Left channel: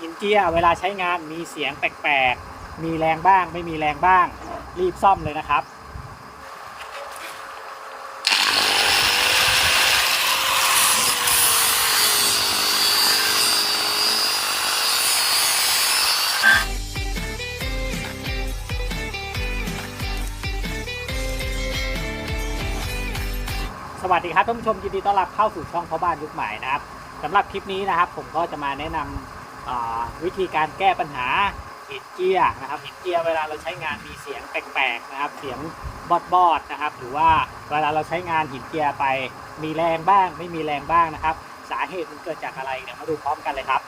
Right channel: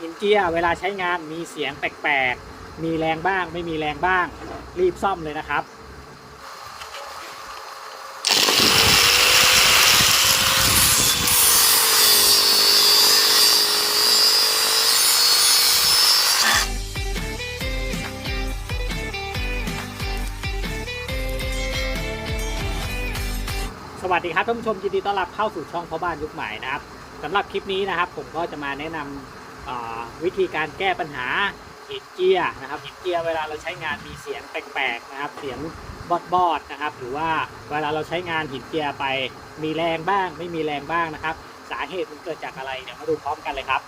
หินเจียเวลาใช้งานมีเสียงแปลกๆ มีแรงบ้าง ไม่มีแรงบ้าง รีบซ่อมเลยนะครับสวัสดีครับท่านผู้ชมยินดีต้อนรับเข้าสู่ช่องพ่อบ้านยุคใหม่นะครับสำหรับคลิปนี้นะครับ ผมก็จะมาแนะนำอ่า วิธีการแก้ปัญหาหินเจียร์นะครับหินเจียร์เวลาเราใช้งานมีเสียงแปลกๆนะครับ เสียงบอดบอดๆนะครับ หรือว่าเวลาเราใช้งานหินเจียร์ไปมีแรงบ้าง ไม่มีแรงบ้างนะครับ สาเหตุมันเกิดจากอะไรเดี๋ยวมาดูพร้อมกันเลยครับ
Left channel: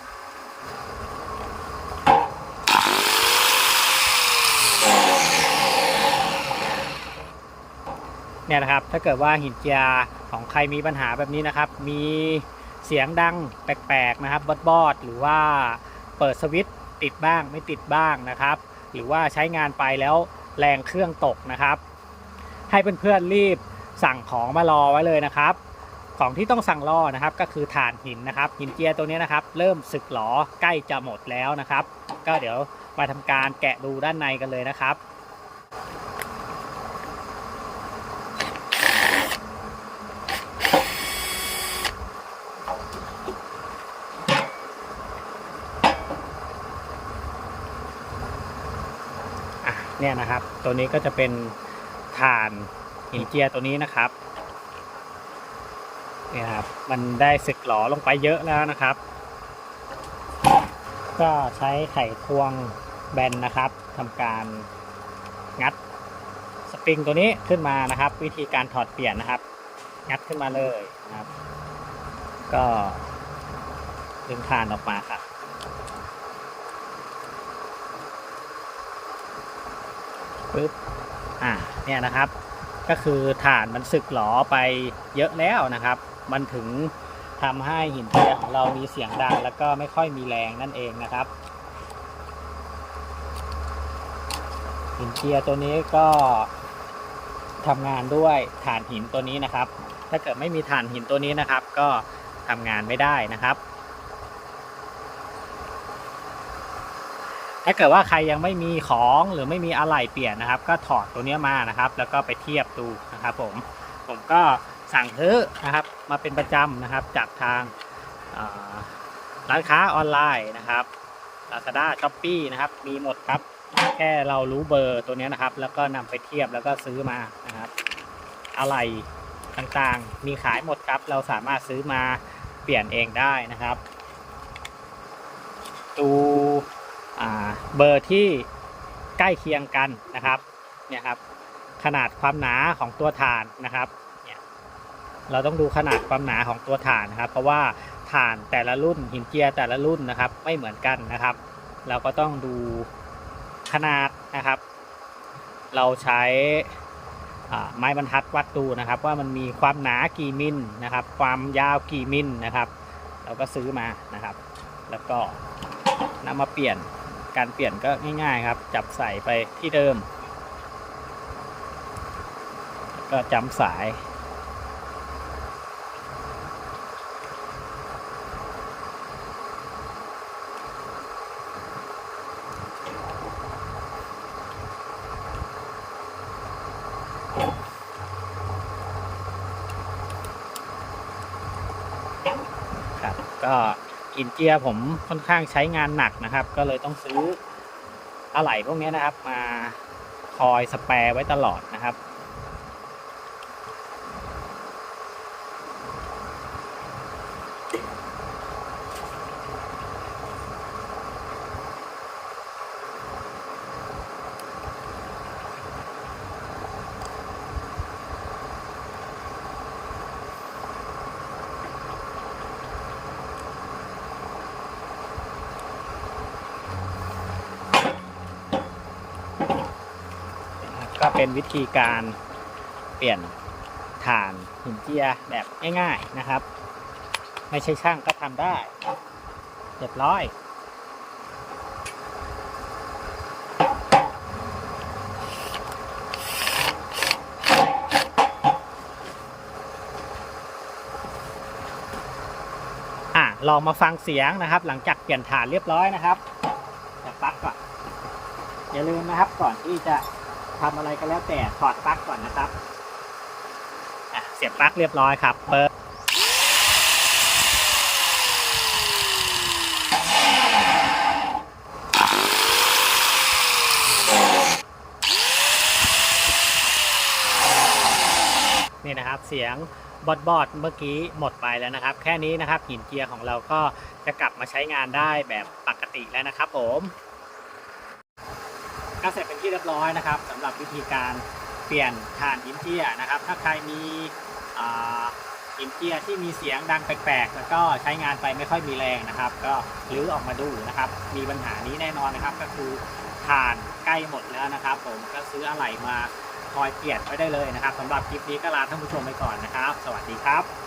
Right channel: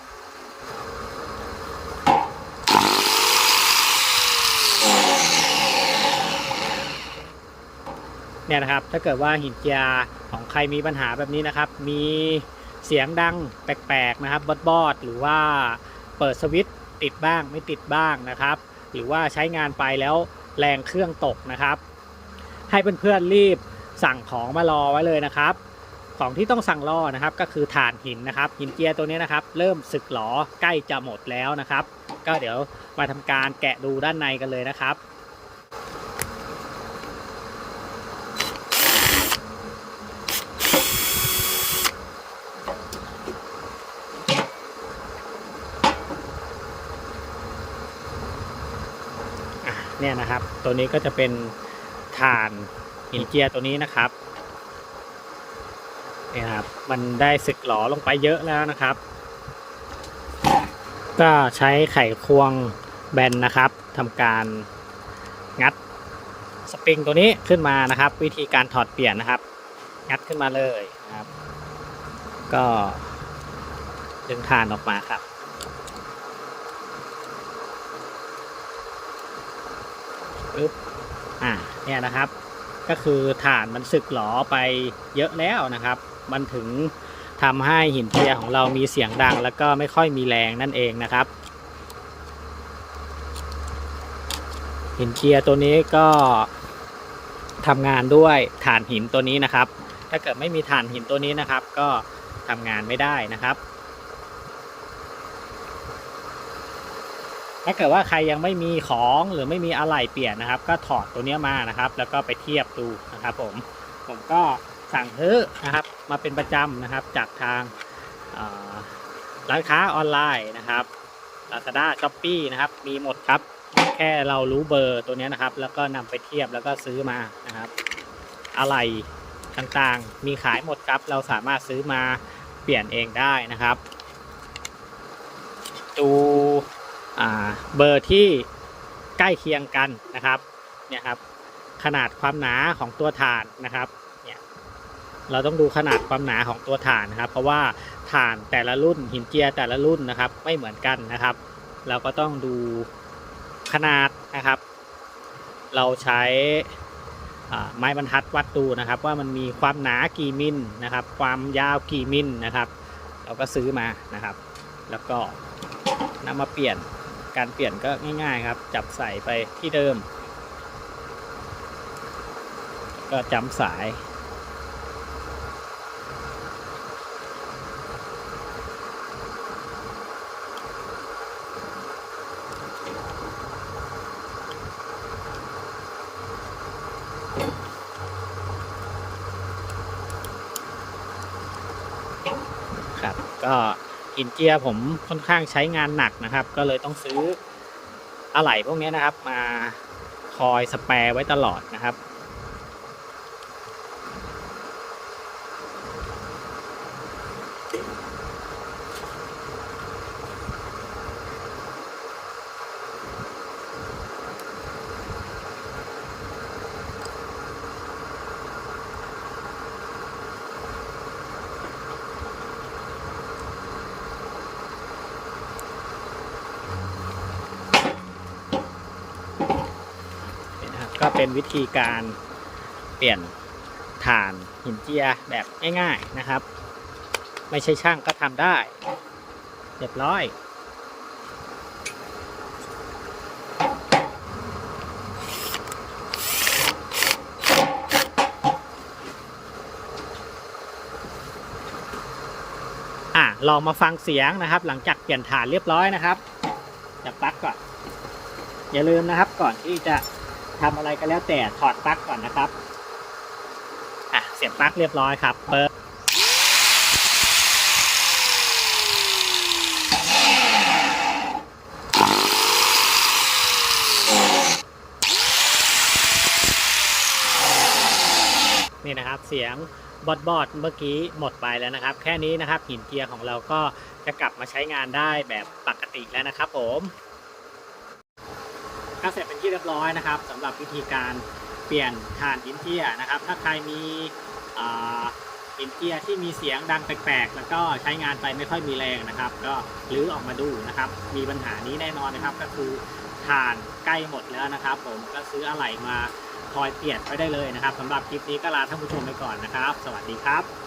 เนี่ยนะครับถ้าเกิดว่าหินเจียร์ของใครมีปัญหาแบบนี้นะครับ มี เสียงดังแปลกๆนะครับบอดบอดๆหรือว่าเปิดสวิตติดบ้างไม่ติดบ้างนะครับ หรือว่าใช้งานไปแล้วแรงเครื่องตกนะครับ ให้เพื่อนๆรีบสั่งของมารอไว้เลยนะครับ ของที่ต้องสั่งรอนะครับก็คือถ่านหินนะครับ หินเจียตัวนี้นะครับ เริ่มสึกหลอใกล้จะหมดแล้วนะครับ ก็เดี๋ยวมาทำการแกะดูด้านในกันเลยนะครับ เนี่ยนะครับ ตัวนี้ก็จะเป็นถ่านหินเจียตัวนี้นะครับเนี่ยครับมันได้สึกหลอลงไปเยอะแล้วนะครับ ก็ใช้ไขควงแบนนะครับทำการงัดสปริงตัวนี้ขึ้นมานะครับ วิธีการถอดเปลี่ยนนะครับ งัดขึ้นมาเลยนะครับ ก็ดึงถ่านออกมาครับ ปึ๊บอ่าเนี่ยนะครับ ก็คือฐานมันสึกหลอไปเยอะแล้วนะครับ มันถึงทำให้หินเจียของเรามีเสียงดัง แล้วก็ไม่ค่อยมีแรงนั่นเองนะครับ หินเจียตัวนี้ก็ทำงานด้วยฐานหินตัวนี้นะครับ ถ้าเกิดไม่มีฐานหินตัวนี้นะครับ ก็ทำงานไม่ได้นะครับ ถ้าเกิดว่าใครยังไม่มีของหรือไม่มีอะไหล่เปลี่ยนนะครับ ก็ถอดตัวนี้มานะครับ แล้วก็ไปเทียบดูนะครับ ผมผมก็สั่งซื้อนะครับ มาเป็นประจำนะครับ จากทางร้านค้าออนไลน์นะครับ Lazada s h o p e e นะครับ มีหมดครับ แค่เรารู้เบอร์ตัวนี้นะครับ แล้วก็นำไปเทียบแล้วก็ซื้อมานะครับ อะไหล่ต่างๆ มีขายหมดครับ เราสามารถซื้อมาเปลี่ยนเองได้นะครับ ดู เบอร์ที่ใกล้เคียงกันนะครับเนี่ยครับขนาดความหนาของตัวฐานนะครับเนี่ยเราต้องดูขนาดความหนาของตัวฐานนะครับ เพราะว่าฐานแต่ละรุ่นหินเจียแต่ละรุ่นนะครับ ไม่เหมือนกันนะครับ เราก็ต้องดูขนาดนะครับ เราใช้ไม้บรรทัดวัดดูนะครับ ว่ามันมีความหนากี่มิลนะครับ ความยาวกี่มิลนะครับ เราก็ซื้อมานะครับ แล้วก็นำมาเปลี่ยน การเปลี่ยนก็ง่ายๆครับ จับใส่ไปที่เดิม ก็จำสาย ครับก็ อินเกียร์ผมค่อนข้างใช้งานหนักนะครับ ก็เลยต้องซื้ออะไหล่พวกนี้นะครับ มาคอยสแปร์ไว้ตลอดนะครับ ก็เป็นวิธีการเปลี่ยนฐานหินเจียแบบง่ายๆนะครับ ไม่ใช่ช่างก็ทำได้เรียบร้อยอะลองมาฟังเสียงนะครับ หลังจากเปลี่ยนฐานเรียบร้อยนะครับจับปลั๊กก่อน อย่าลืมนะครับก่อนที่จะ ทำอะไรก็แล้วแต่ถอดปลั๊กก่อนนะครับอะเสียบปลั๊กเรียบร้อยครับเปิดนี่นะครับเสียงบอดบอดเมื่อกี้หมดไปแล้วนะครับ แค่นี้นะครับหินเจียร์ของเราก็จะกลับมาใช้งานได้แบบปกติแล้วนะครับผม ก็เสร็จเป็นที่เรียบร้อยนะครับสำหรับวิธีการเปลี่ยนถ่านหินเจียนะครับ ถ้าใครมีอินเจียที่มีเสียงดังแปลกๆ แล้วก็ใช้งานไปไม่ค่อยมีแรงนะครับ ก็รื้อออกมาดูนะครับ มีปัญหานี้แน่นอนนะครับ ก็คือถ่านใกล้หมดแล้วนะครับ ผมก็ซื้ออะไหล่มาคอยเปลี่ยนไปได้เลยนะครับสำหรับคลิปนี้ก็ลาท่านผู้ชมไปก่อนนะครับ สวัสดีครับ